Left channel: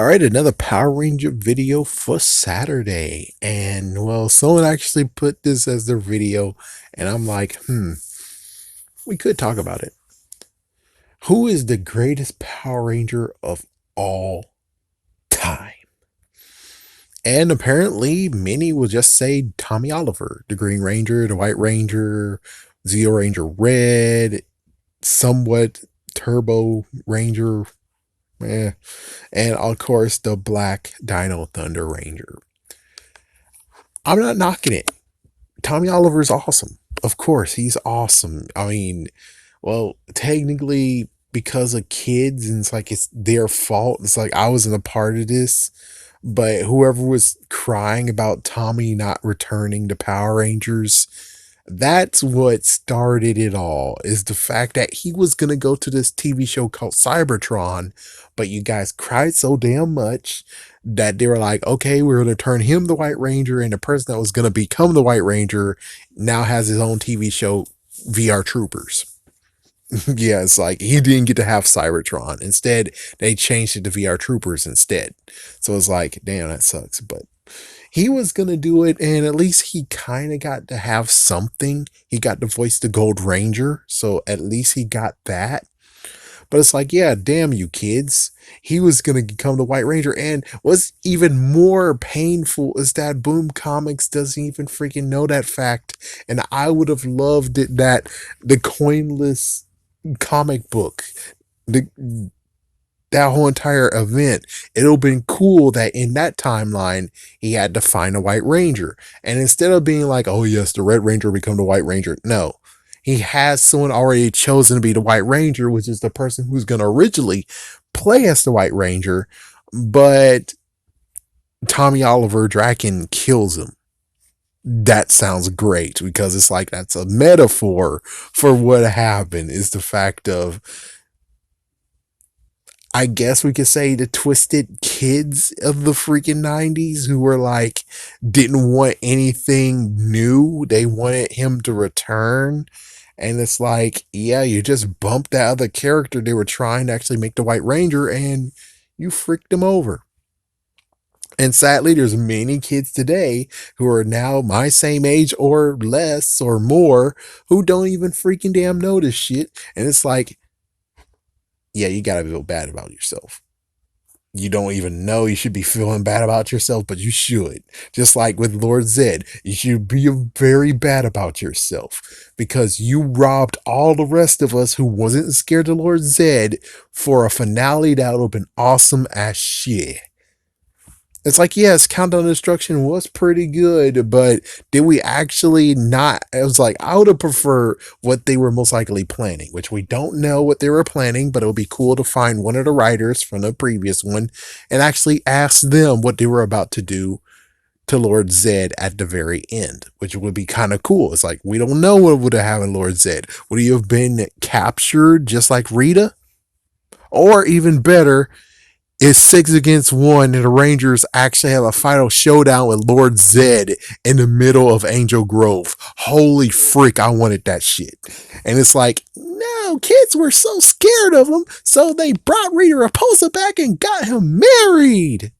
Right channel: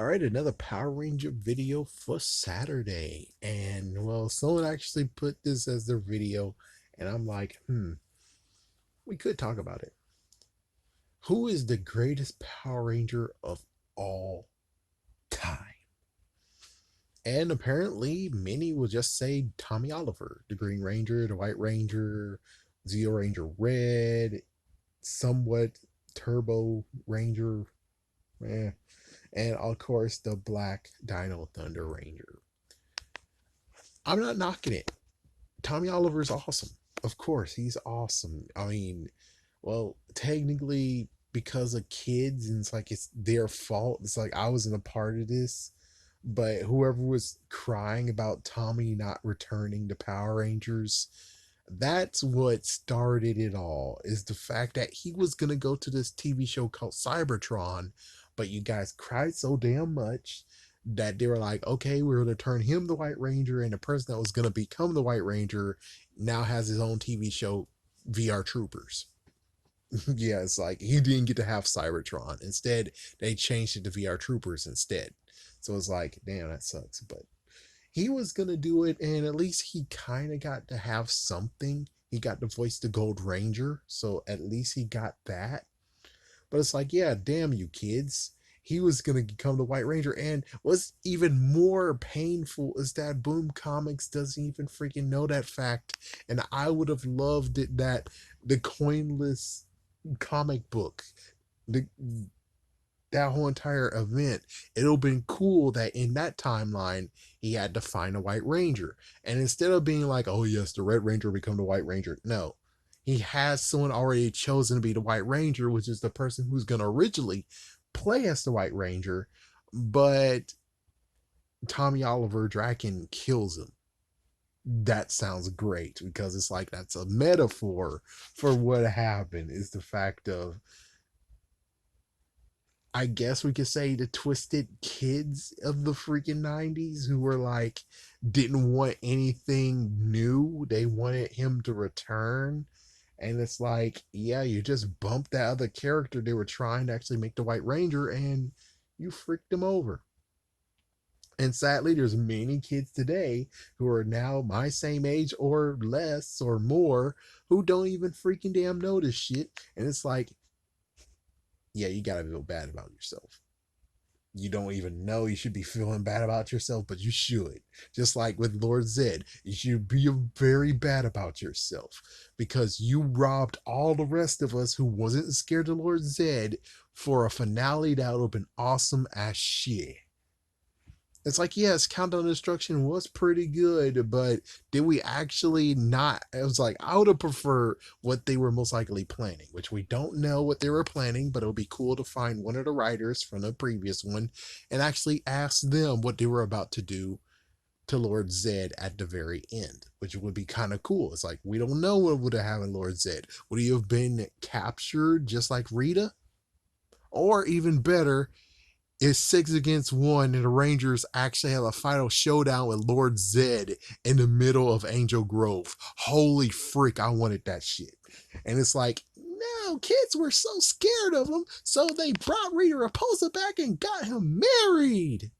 All right, another Power Ranger video for Saturday. And well, someone actually put this as their video, and I'm like, we could talk about it. Who is the greatest Power Ranger of all time? And apparently, many will just say Tommy Oliver, the Green Ranger, the White Ranger, Zeo Ranger Red, somewhat Turbo Ranger, and of course, the Black Dino Thunder Ranger. I'm not knocking it. Tommy Oliver's awesome. Of course, he's awesome. I mean, well, technically, because of kids, and it's like it's their fault. It's like I wasn't a part of this, but whoever was crying about Tommy not returning to Power Rangers, that's what started it all. Is the fact that he was gonna go to this TV show called Cybertron, but you guys cried so damn much that they were like, okay, we're gonna turn him the White Ranger, and the person that was gonna become the White Ranger now has his own TV show, VR Troopers. Yeah, it's like he didn't get to have Cybertron. Instead, they changed it to VR Troopers instead. So it's like, damn, that sucks. But he was gonna do it, and at least he kind of got to have something. He got to voice the Gold Ranger, so at least he got that. But it's like, yeah, damn you kids. He was gonna become the White Ranger, and what's even more painful is that Boom Comics doesn't even freaking know that fact. And I would have loved it that the coinless comic book, the that whole entire event, it'll been cool that in that timeline he had to find a White Ranger. And instead of being like, oh yes, the Red Ranger become the White Ranger, no. He has someone already chosen to be the White Ranger, which is the person who's gonna originally play as the White Ranger, but Tommy Oliver Draken kills him. That sounds great because it's like that's a metaphor for what happened, is the fact of, I guess we could say, the twisted kids of the freaking 90s who were like, didn't want anything new. They wanted him to return. And it's like, yeah, you just bumped that other character they were trying to actually make the White Ranger, and you freaked him over. And sadly, there's many kids today who are now my same age or less or more who don't even freaking damn know this shit. And it's like, yeah, you gotta feel bad about yourself. You don't even know you should be feeling bad about yourself, but you should. Just like with Lord Zed, you should be very bad about yourself because you robbed all the rest of us who wasn't scared of Lord Zed for a finale that would have been awesome as shit. It's like, yes, Countdown to Destruction was pretty good, but did we actually not? It was like, I would have preferred what they were most likely planning, which we don't know what they were planning, but it would be cool to find one of the writers from the previous one and actually ask them what they were about to do to Lord Zed at the very end, which would be kind of cool. It's like, we don't know what would have happened, Lord Zed. Would he have been captured just like Rita? Or even better, it's 6 against 1, and the Rangers actually have a final showdown with Lord Zed in the middle of Angel Grove. Holy freak, I wanted that shit. And it's like, no, kids were so scared of him, so they brought Rita Repulsa back and got him married.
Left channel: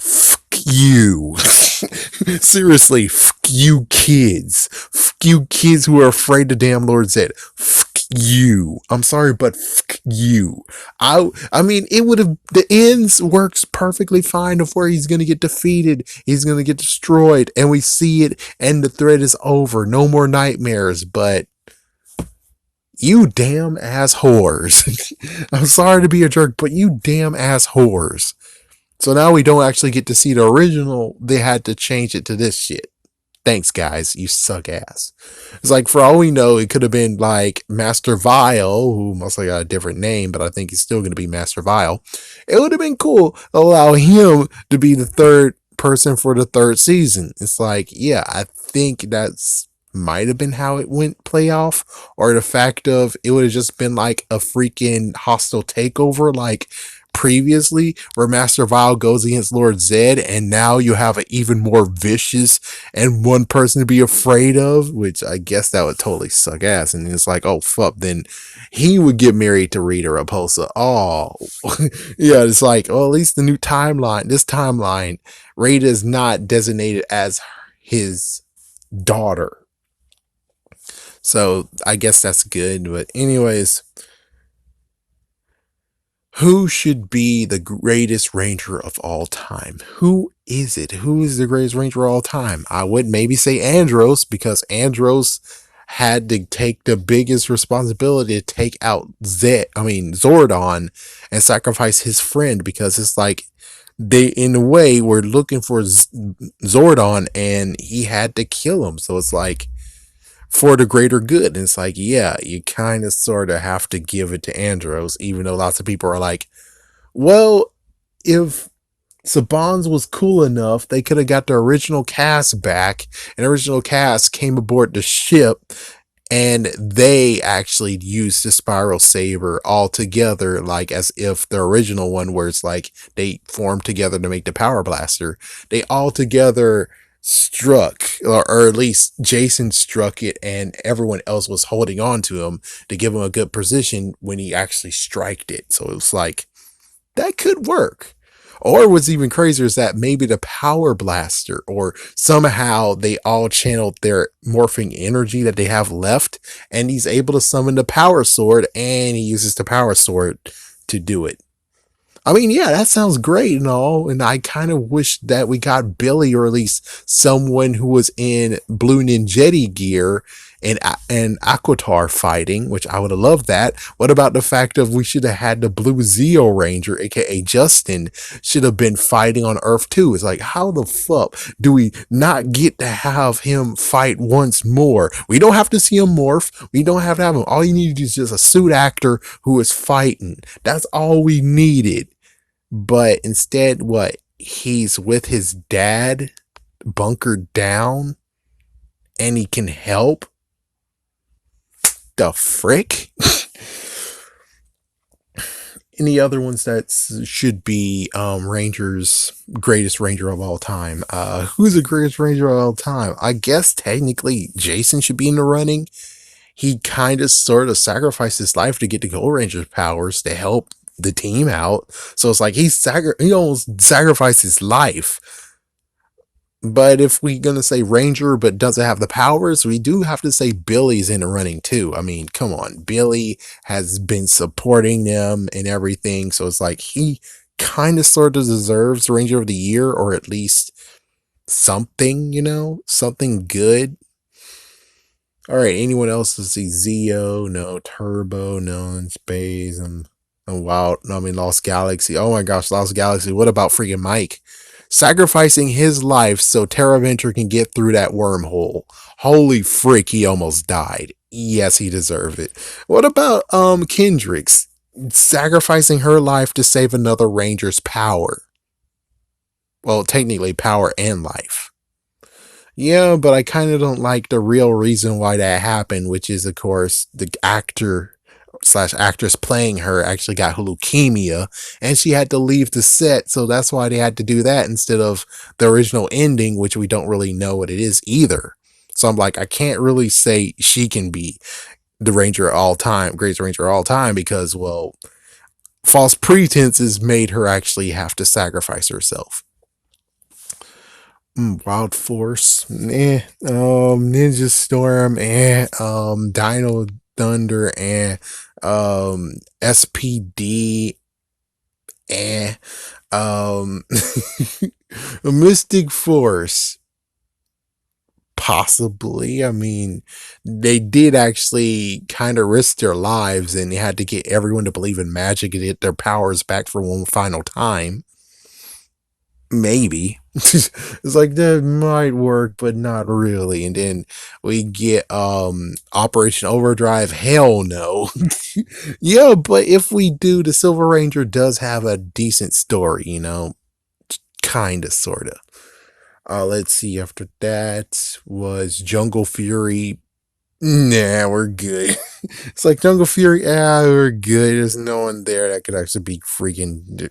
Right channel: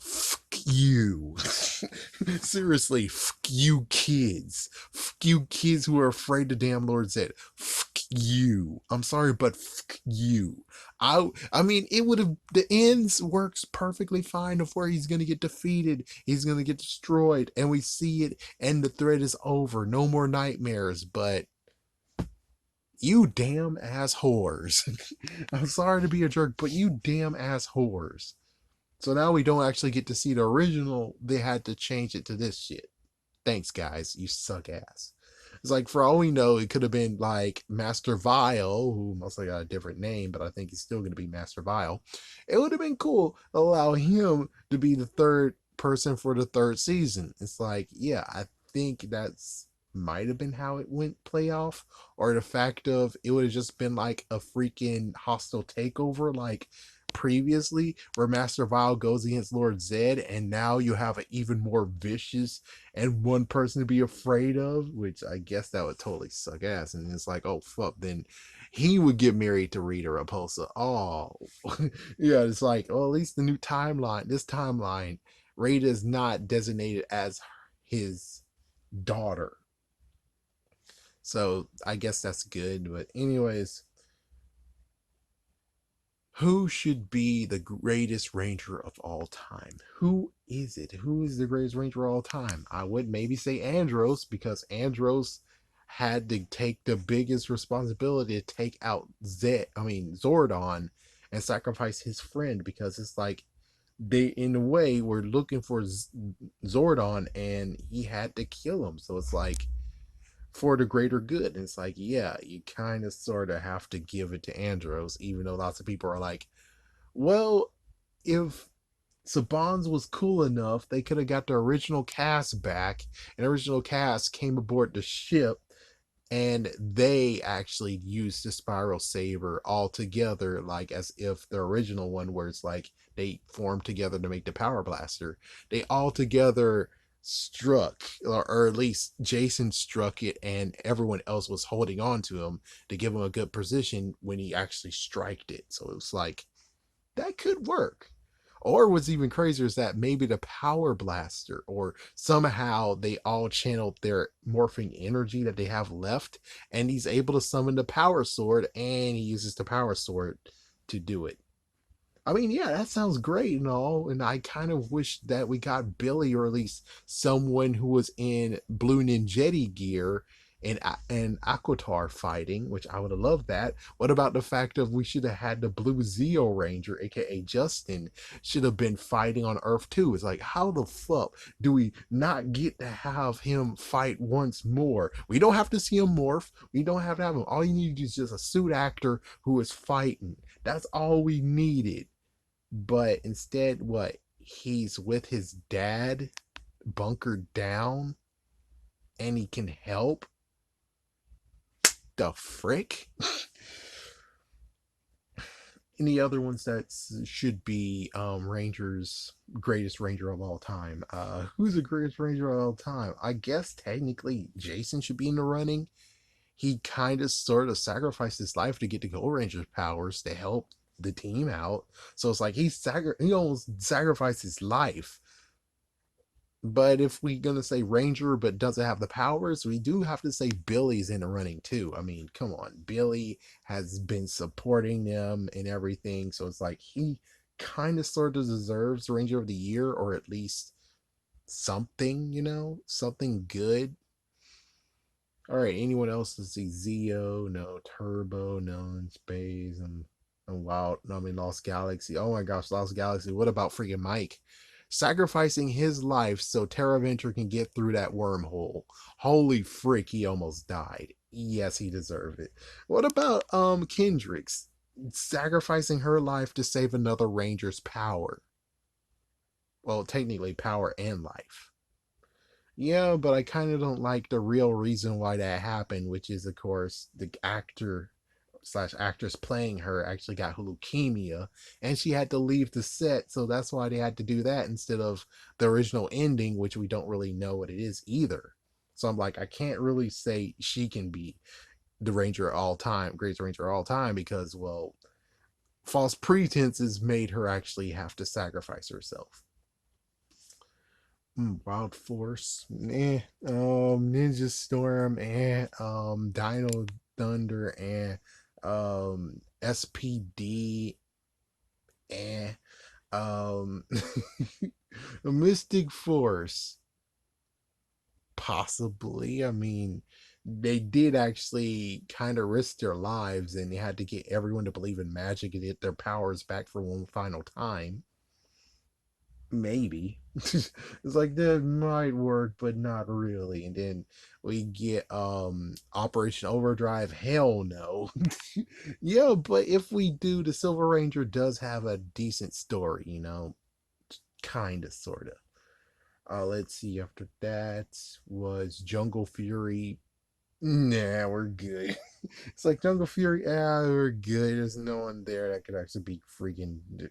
Fuck you. Seriously, fuck you kids. Fuck you kids who are afraid to damn Lord Zed. Fuck you. I'm sorry, but fuck you. I mean, it would have, the ends works perfectly fine of where he's gonna get defeated, he's gonna get destroyed, and we see it, and the thread is over. No more nightmares, but you damn ass whores. I'm sorry to be a jerk, but you damn ass whores. So now we don't actually get to see the original. They had to change it to this shit. Thanks, guys. You suck ass. It's like, for all we know, it could have been like Master Vile, who mostly got a different name, but I think he's still going to be Master Vile. It would have been cool to allow him to be the third person for the third season. It's like, yeah, I think that's might have been how it went play off, or the fact of it would have just been like a freaking hostile takeover like previously, where Master Vile goes against Lord Zed, and now you have an even more vicious and one person to be afraid of, which I guess that would totally suck ass. And it's like, oh fuck, then he would get married to Rita Repulsa. Oh, yeah, it's like, well, at least the new timeline, this timeline, Rita is not designated as his daughter. So I guess that's good. But anyways, who should be the greatest ranger of all time? Who is it? Who is the greatest ranger of all time? I would maybe say Andros, because Andros had to take the biggest responsibility to take out Zordon, and sacrifice his friend, because it's like they, in a way, were looking for Zordon and he had to kill him. So it's like, for the greater good. And it's like, yeah, you kind of sort of have to give it to Andros, even though lots of people are like, well, if Saban's was cool enough, they could have got the original cast back, and original cast came aboard the ship, and they actually used the Spiral Saber all together, like as if the original one, where it's like they formed together to make the Power Blaster, they all together struck, or at least Jason struck it, and everyone else was holding on to him to give him a good position when he actually striked it. So it was like, that could work. Or what's even crazier is that maybe the Power Blaster, or somehow they all channeled their morphing energy that they have left, and he's able to summon the Power Sword, and he uses the Power Sword to do it. I mean, yeah, that sounds great and all, and I kind of wish that we got Billy, or at least someone who was in Blue Ninjetti gear and Aquatar fighting, which I would have loved that. What about the fact of we should have had the Blue Zeo Ranger, aka Justin, should have been fighting on Earth too? It's like, how the fuck do we not get to have him fight once more? We don't have to see him morph. We don't have to have him. All you need is just a suit actor who is fighting. That's all we needed. But instead, what? He's with his dad, bunkered down, and he can help? The frick? Any other ones that should be Ranger's greatest ranger of all time? Who's the greatest ranger of all time? I guess technically Jason should be in the running. He kind of sort of sacrificed his life to get the Gold Ranger's powers to help the team out. So it's like he almost sacrificed his life. But if we're gonna say Ranger but doesn't have the powers, we do have to say Billy's in the running too. I mean, come on, Billy has been supporting them and everything, so it's like he kind of sort of deserves Ranger of the Year, or at least something, something good. All right, anyone else? Let's see. Zeo, no. Turbo, no. In space, and Wild. No, I mean Lost Galaxy. Oh my gosh, Lost Galaxy. What about freaking Mike? Sacrificing his life so Terraventure can get through that wormhole. Holy frick, he almost died. Yes, he deserved it. What about Kendrix? Sacrificing her life to save another Ranger's power. Well, technically power and life. Yeah, but I kind of don't like the real reason why that happened, which is, of course, the actor slash actress playing her actually got leukemia, and she had to leave the set, so that's why they had to do that instead of the original ending, which we don't really know what it is either. So I'm like, I can't really say she can be the Ranger of all time, greatest Ranger of all time, because, well, false pretenses made her actually have to sacrifice herself. Wild Force, Ninja Storm, Dino Thunder, SPD, um, Mystic Force, possibly. I mean, they did actually kind of risk their lives, and they had to get everyone to believe in magic and get their powers back for one final time. Maybe. It's like that might work, but not really. And then we get Operation Overdrive. Hell no. Yeah, but if we do, the Silver Ranger does have a decent story, kinda, sorta. Let's see, after that was Jungle Fury. Nah, we're good. It's like Jungle Fury, we're good. There's no one there that could actually be freaking.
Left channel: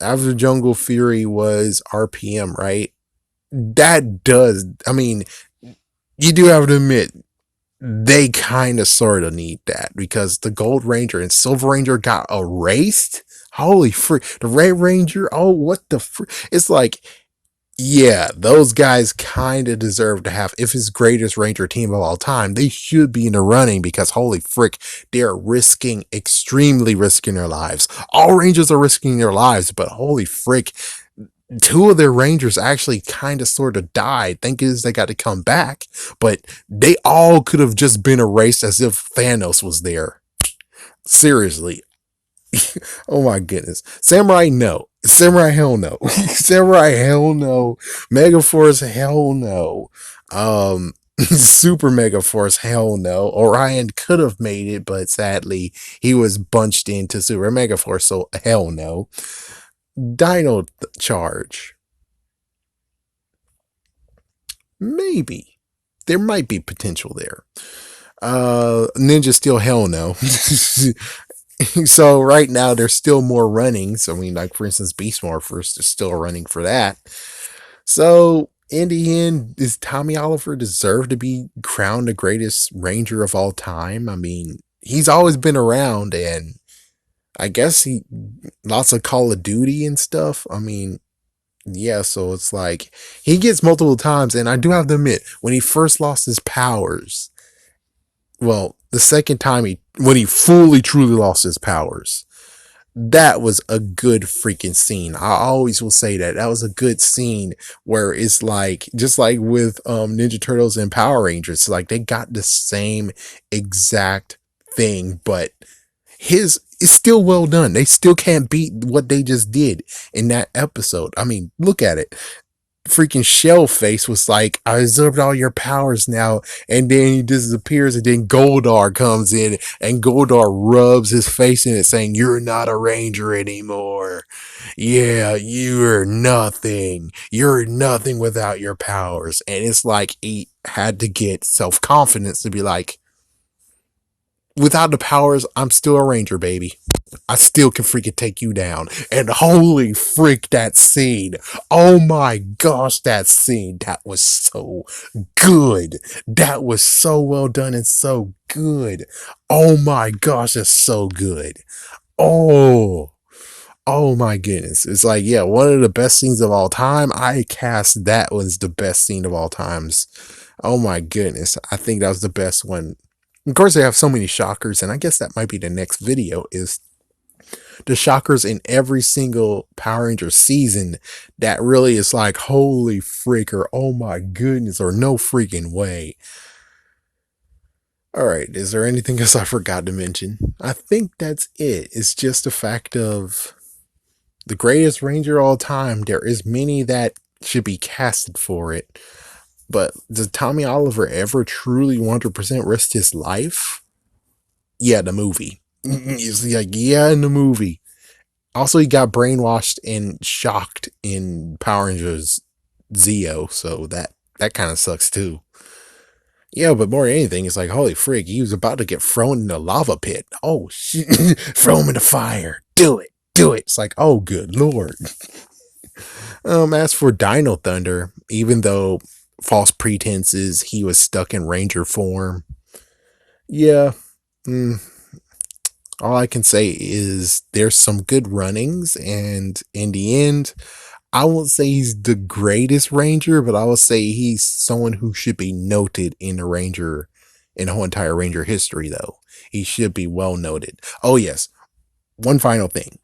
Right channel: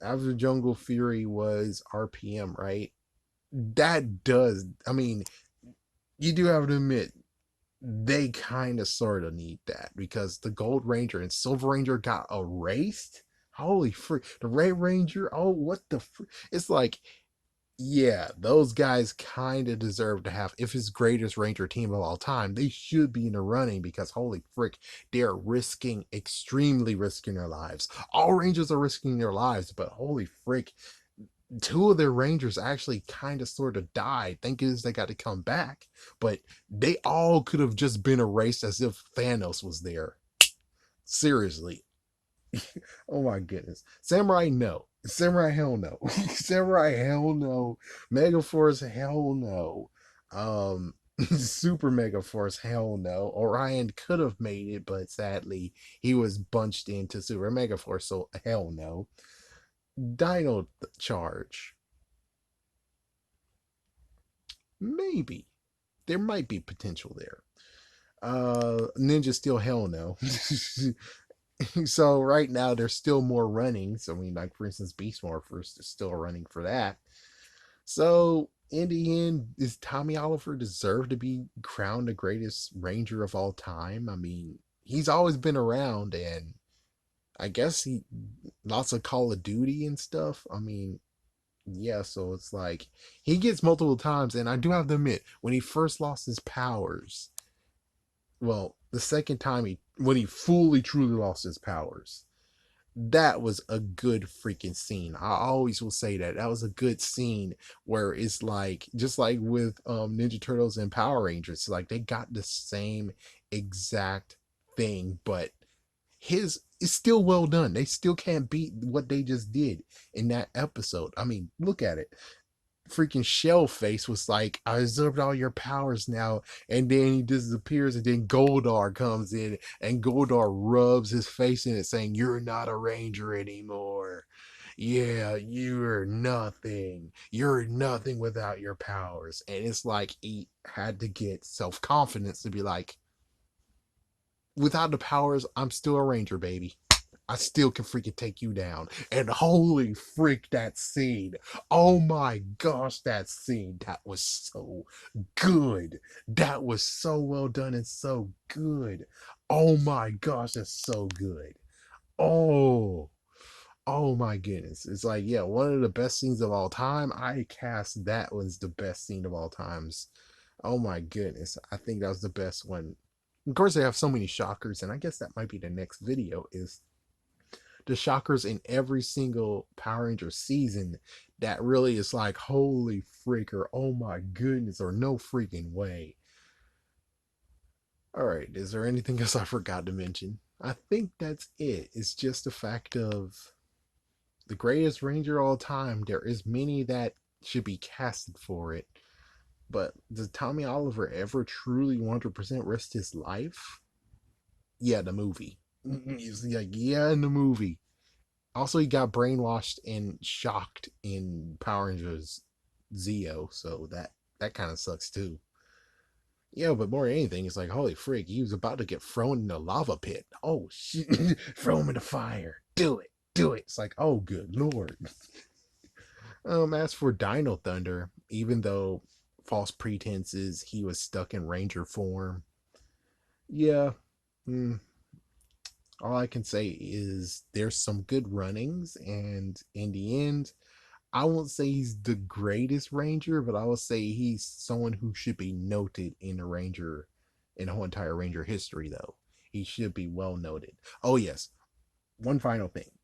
After Jungle Fury was RPM, right? That does, I mean, you do have to admit, they kind of sort of need that because the Gold Ranger and Silver Ranger got erased. Holy frick. The Red Ranger, oh, what the frick? It's like, yeah, those guys kind of deserve to have, if it's greatest Ranger team of all time, they should be in the running because holy frick, they're extremely risking their lives. All Rangers are risking their lives, but holy frick, two of their Rangers actually kind of sort of died. Thank goodness they got to come back, but they all could have just been erased as if Thanos was there. Seriously, oh my goodness. Samurai, no. Samurai, hell no. Samurai, hell no. Megaforce, hell no. Super Megaforce, hell no. Orion could have made it, but sadly, he was bunched into Super Megaforce, so hell no. Dino Charge, maybe. There might be potential there. Ninja Steel, hell no. So right now there's still more running. So I mean, like for instance, Beast Morphers is still running for that. So in the end, does Tommy Oliver deserve to be crowned the greatest Ranger of all time? I mean, he's always been around, and I guess he lots of Call of Duty and stuff. I mean, yeah. So it's like he gets multiple times, and I do have to admit, when he first lost his powers, well, the second time when he fully truly lost his powers, that was a good freaking scene. I always will say that that was a good scene where it's like just like with Ninja Turtles and Power Rangers, like they got the same exact thing, but his is still well done. They still can't beat what they just did in that episode. I mean, look at it. Freaking Shell Face was like, I absorbed all your powers now, and then he disappears, and then Goldar comes in, and Goldar rubs his face in it, saying, "You're not a Ranger anymore. Yeah, you're nothing. You're nothing without your powers." And it's like he had to get self confidence to be like, without the powers, I'm still a Ranger, baby. I still can freaking take you down. And holy freak, that scene. Oh my gosh, that scene. That was so good. That was so well done and so good. Oh my gosh, that's so good. Oh, oh my goodness. It's like, yeah, one of the best scenes of all time. I cast that was the best scene of all times. Oh my goodness. I think that was the best one. Of course, they have so many shockers, and I guess that might be the next video is the shockers in every single Power Ranger season that really is like, holy freak, or oh my goodness, or no freaking way. All right, is there anything else I forgot to mention? I think that's it. It's just a fact of the greatest Ranger all time. There is many that should be casted for it. But does Tommy Oliver ever truly 100% risk his life? Yeah, the movie. He's like, yeah, in the movie. Also, he got brainwashed and shocked in Power Rangers Zeo, so that kind of sucks too. Yeah, but more than anything, it's like, holy frig, he was about to get thrown in the lava pit. Oh, shit. Throw him in the fire. Do it. Do it. It's like, oh, good lord. As for Dino Thunder, even though false pretenses, he was stuck in Ranger form. Yeah. Mm, all I can say is there's some good runnings, and in the end, I won't say he's the greatest Ranger, but I will say he's someone who should be noted in the Ranger, in the whole entire Ranger history, though. He should be well noted. Oh, yes. One final thing.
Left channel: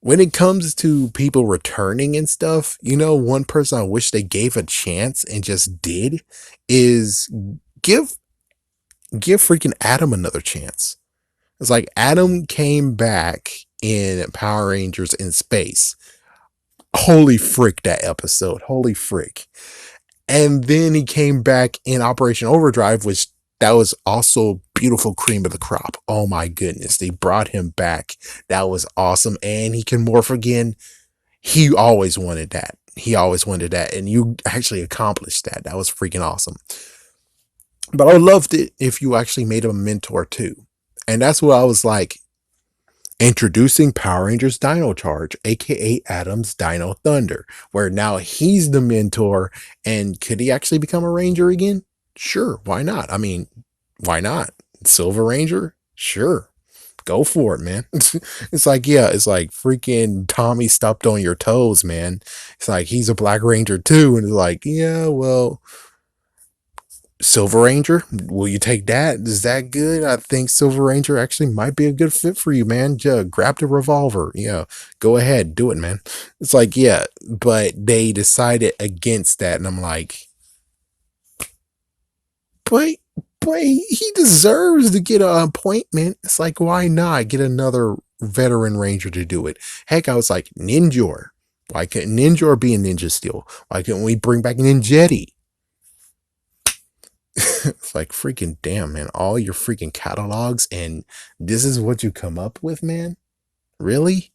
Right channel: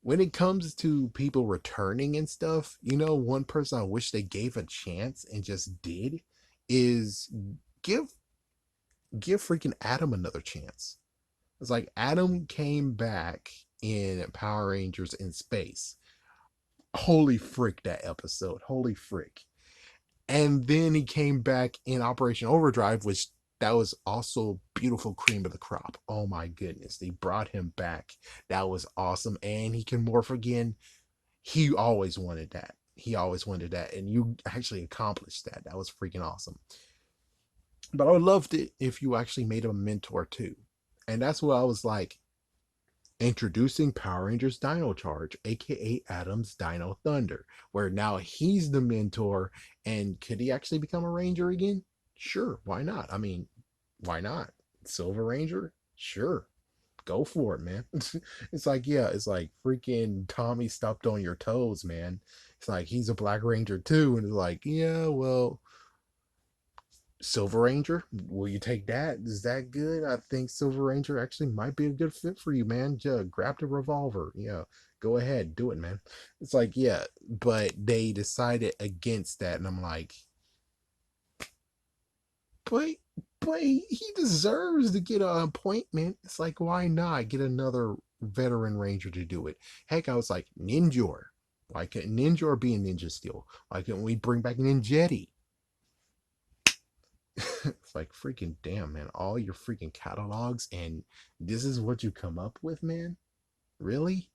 When it comes to people returning and stuff, one person I wish they gave a chance and just did is give freaking Adam another chance. It's like Adam came back in Power Rangers in Space. Holy frick, that episode. Holy frick. And then he came back in Operation Overdrive, which that was also beautiful cream of the crop. Oh my goodness. They brought him back. That was awesome. And he can morph again. He always wanted that. He always wanted that. And you actually accomplished that. That was freaking awesome. But I would love it if you actually made him a mentor too. And that's what I was like, introducing Power Rangers Dino Charge, aka Adam's Dino Thunder, where now he's the mentor. And could he actually become a Ranger again? Sure, why not? I mean, why not? Silver Ranger? Sure. Go for it, man. It's like, yeah, it's like freaking Tommy stepped on your toes, man. It's like he's a Black Ranger too. And it's like, yeah, well, Silver Ranger, will you take that? Is that good? I think Silver Ranger actually might be a good fit for you, man. Just grab the revolver. Yeah, go ahead, do it, man. It's like, yeah, but they decided against that, and I'm like, but but he deserves to get an appointment. It's like, why not get another veteran ranger to do it? Heck, I was like, Ninjor. Why can't Ninjor be a Ninja Steel? Why can't we bring back Ninjetti? It's like, freaking damn, man. All your freaking catalogs, and this is what you come up with, man? Really?